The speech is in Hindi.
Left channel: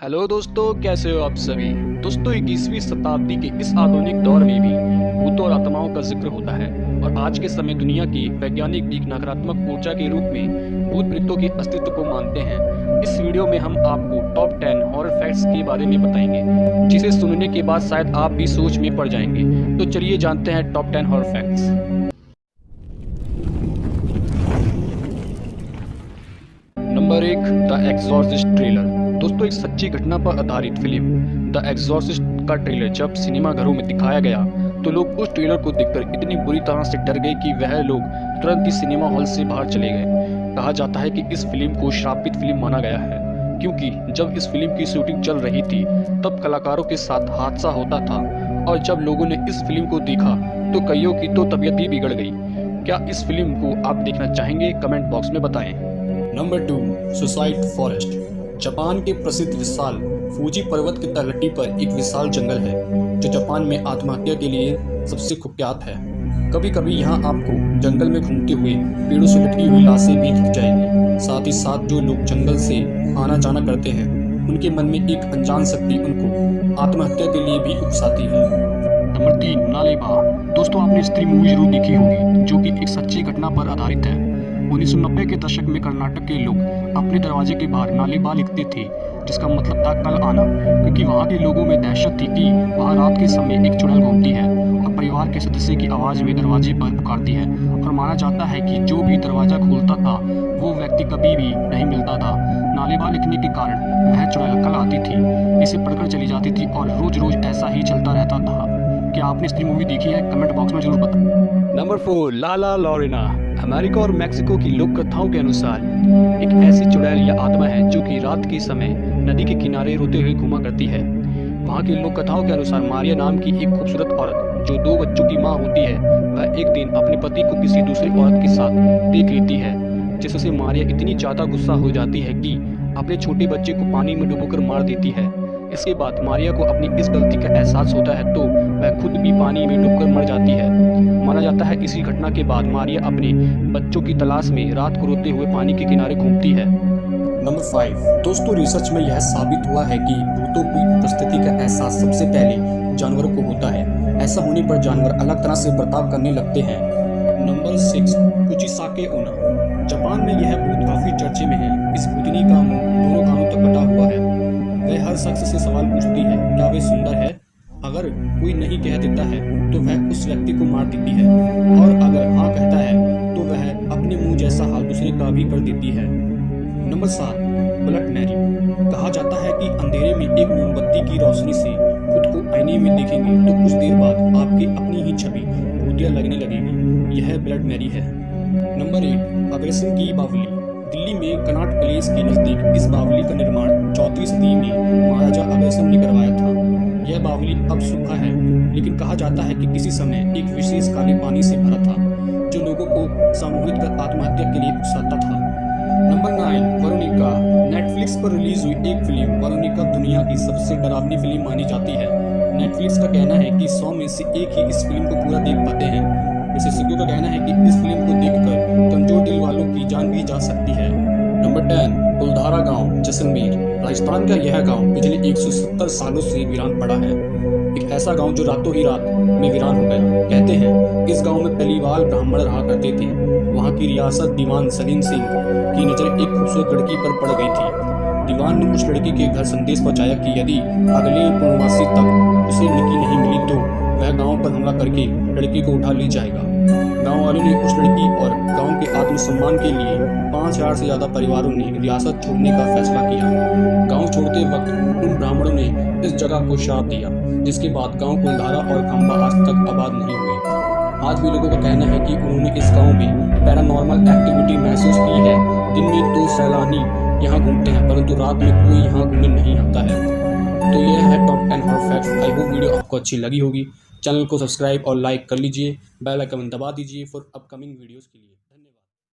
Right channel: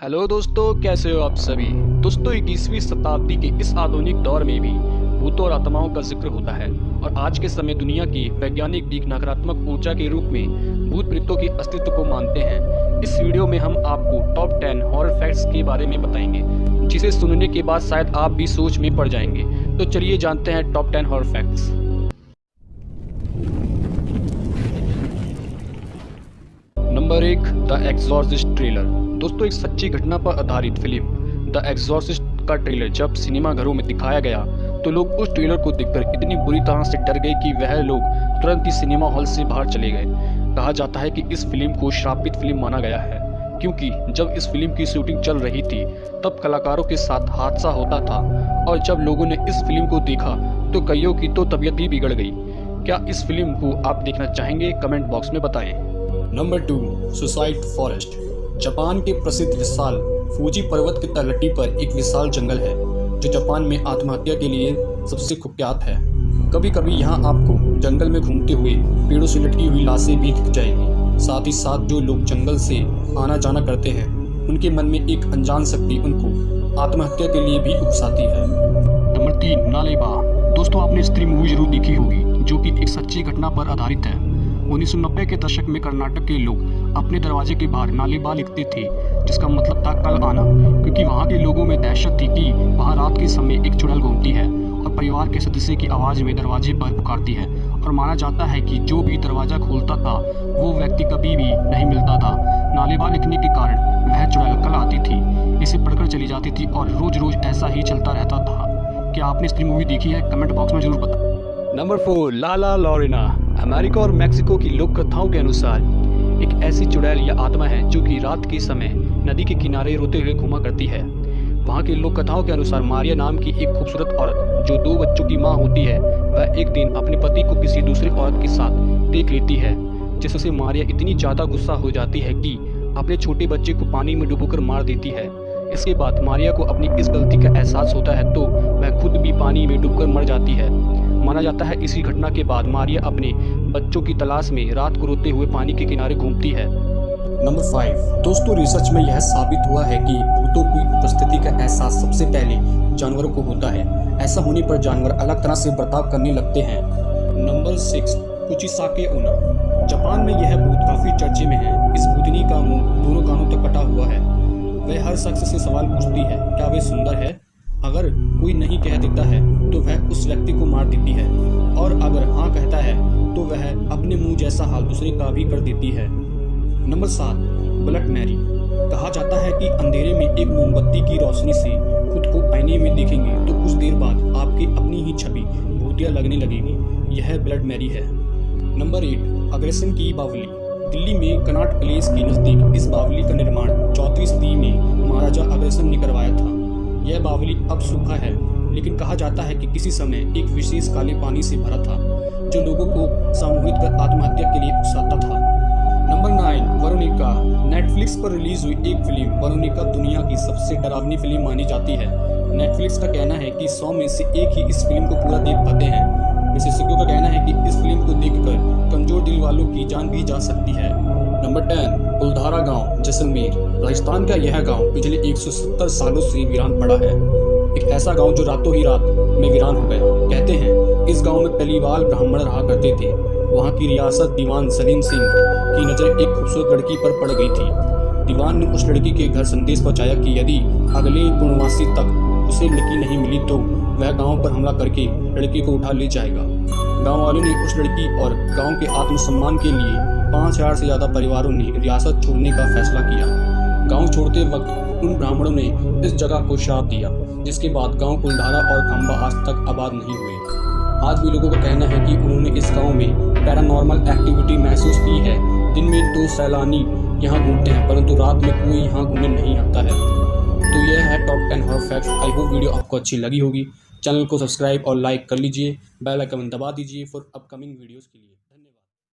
हेलो दोस्तों, कैसे हो आप सभी। दोस्तों, 21वीं शताब्दी के इस आधुनिक दौर में भी भूतों और आत्माओं का जिक्र होता है और आज के समय दुनिया की वैज्ञानिक भी नकारात्मक ऊर्जा के रूप में भूत प्रेतों के अस्तित्व को मानते हैं। इस वीडियो में हम आपको टॉप 10 हॉरर फैक्ट्स के बारे में बताएंगे, जिसे सुनने के बाद शायद आप भी सोच में पड़ जाएंगे। तो चलिए जानते हैं top 10 horror facts. Number 1, the Exorcist trailer. दोस्तों, एक सच्ची घटना पर आधारित फिल्म द एग्जॉर्सिस्ट का ट्रेलर जब सिनेमा घरों में दिखाया गया तो लोग उस ट्रेलर को देखकर इतनी बुरी तरह से डर गए कि वह लोग तुरंत ही सिनेमा हॉल से बाहर चले गए। कहा जाता है कि इस फिल्म को श्रापित फिल्म माना गया है, क्योंकि जब इस फिल्म की शूटिंग चल रही थी तब कलाकारों के साथ हादसा होता था और जब लोगों ने इस फिल्म को देखा तो कईयों की तो तबीयत भी बिगड़ गई। क्या इस फिल्म को आप देखना चाहेंगे? कमेंट बॉक्स में बताएं। Number 2, suicide forest. जापान के प्रसिद्ध विशाल फूजी पर्वत की तलहटी पर एक विशाल जंगल है जो जापान में आत्महत्या के लिए सबसे कुख्यात है। कभी कभी यहाँ आपको जंगल में घूमते हुए पेड़ों से लटकी हुई लाशें भी दिख जाएंगी। साथ ही साथ जो लोग जंगल से आना जाना करते हैं उनके मन में एक अनजान शक्ति उनको आत्महत्या के लिए भी उकसाती है। नंबर 3, नालेबा। दोस्तों, आपने स्त्री मूवी जरूर देखी होगी जो कि एक सच्ची घटना पर आधारित है। 1990 के दशक में कर्नाटक के लोग अपने दरवाजे के बाहर नालेबा लिखते थे, जिसका मतलब था कल आना, क्योंकि वहाँ के लोगों में दहशत थी कि वहाँ रात के समय एक चुड़ैल घूमती है और परिवार के सदस्य की आवाज़ में दरवाजे पर पुकारती है और माना जाता है कि जो भी दरवाज़ा खोलता था वो व्यक्ति कभी भी नहीं मिलता था। नालेबा लिखने के कारण वह चुड़ैल कल आती थी, इसे पढ़कर चली जाती थी और रोज रोज ऐसा ही चलता रहता था। क्या आपने स्त्री मूवी देखी है? कमेंट बॉक्स में जरूर बताएं। नंबर 4, लाला लॉरेना। अमेरिका और मैक्सिको की लोक कथाओं के अनुसार एक ऐसी चुड़ैल या आत्मा है जो कि रात के समय नदी के किनारे रोते हुए घूमा करती है। वहाँ की लोक कथाओं के अनुसार मारिया नाम की एक खूबसूरत औरत जो 2 बच्चों की माँ होती है, वह एक दिन अपने पति को किसी दूसरी औरत के साथ देख लेती है, जिससे मारिया इतनी ज़्यादा गुस्सा हो जाती है कि अपने छोटे बच्चे को पानी में डुबोकर मार देती है। इसके बाद मारिया को अपनी इस गलती का एहसास होता है तो वह खुद भी पानी में डूबकर मर जाती है। माना जाता है इसी घटना के बाद मारिया अपने बच्चों की तलाश में रात को रोते हुए पानी के किनारे घूमती है। नंबर 5, दोस्तों, रिसर्च में यह साबित हुआ है कि भूतों की उपस्थिति का एहसास सबसे पहले जानवरों को होता है। ऐसा होने पर जानवर अलग तरह से बर्ताव करने लगते हैं। नंबर 6, कुचिसाके ओना। जापान में यह भूत काफी चर्चे में है। इस भूतनी का मुंह दोनों कानों तक कटा हुआ है। वह हर शख्स से सवाल पूछती है, क्या वे सुंदर है? अगर कोई नहीं कह देता है तो वह उस व्यक्ति को मार देती है और अगर हाँ कहता है तो वह अपने मुंह जैसा हाल दूसरे का भी कर देती है। Number 7, blood Mary. कहा जाता है कि अंधेरे में एक मोमबत्ती की रोशनी से खुद को आईने में देखेंगे तो कुछ देर बाद आपकी अपनी ही छवि भूतिया लगने लगेगी। यह ब्लड मैरी है। नंबर 8, अग्रेसन की बावली। दिल्ली में कनॉट पैलेस के नजदीक इस बावली का निर्माण 4वीं सदी में महाराजा अग्रसेन ने करवाया था। यह बावली अब सूखा है, लेकिन कहा जाता है कि किसी समय एक विशेष काले पानी से भरा था जो लोगों को सामूहिक कर आत्महत्या के लिए उकसाता था। Number 9, Veronica. नेटफ्लिक्स पर रिलीज हुई एक फिल्म वेरोनिका दुनिया की सबसे डरावनी फिल्म मानी जाती है। नेटफ्लिक्स का कहना है कि 100 में से एक ही इस फिल्म को पूरा देख पाते हैं। विशेषज्ञों का कहना है कि इस फिल्म को देखकर कमजोर दिल वालों की जान भी जा सकती है। नंबर 10, कुलधारा गांव, जैसलमेर। राजस्थान का यह गांव पिछले 170 सालों से वीरान पड़ा है। एक ऐसा गांव जो रातों ही रात में वीरान हो गया। कहते हैं इस गांव में पहलीवाल ब्राह्मण रहा करते थे। वहां की रियासत दीवान सलीम सिंह की नजर एक खूबसूरत लड़की पर पड़ गई थी। दीवान ने उस लड़की के घर संदेश पहुंचाया कि यदि अगले पूर्णमासी तक उसे लड़की नहीं मिली तो वह गांव पर हमला करके लड़की को उठा ले जाएगा। गांव वालों ने उस लड़की और गांव के आत्मसम्मान के लिए 5000 से ज्यादा परिवारों ने रियासत छोड़ने का फैसला किया। गांव छोड़ते वक्त उन ब्राह्मणों ने इस जगह को श्राप दिया, जिसके बाद गांव कुलधारा और खंबा आज तक आबाद नहीं हुए। आज भी लोगों का कहना है कि उन्होंने इस गांव में पैरानॉर्मल एक्टिविटी महसूस की है। दिन में तो सैलानी यहाँ घूमते हैं, परंतु रात में कोई यहाँ घूमने नहीं आता है। तो यह है top 10 horror facts. I hope video आपको अच्छी लगी होगी। चैनल को सब्सक्राइब और लाइक कर लीजिए, बेल आइकन दबा दीजिए फॉर अपकमिंग वीडियोस के लिए।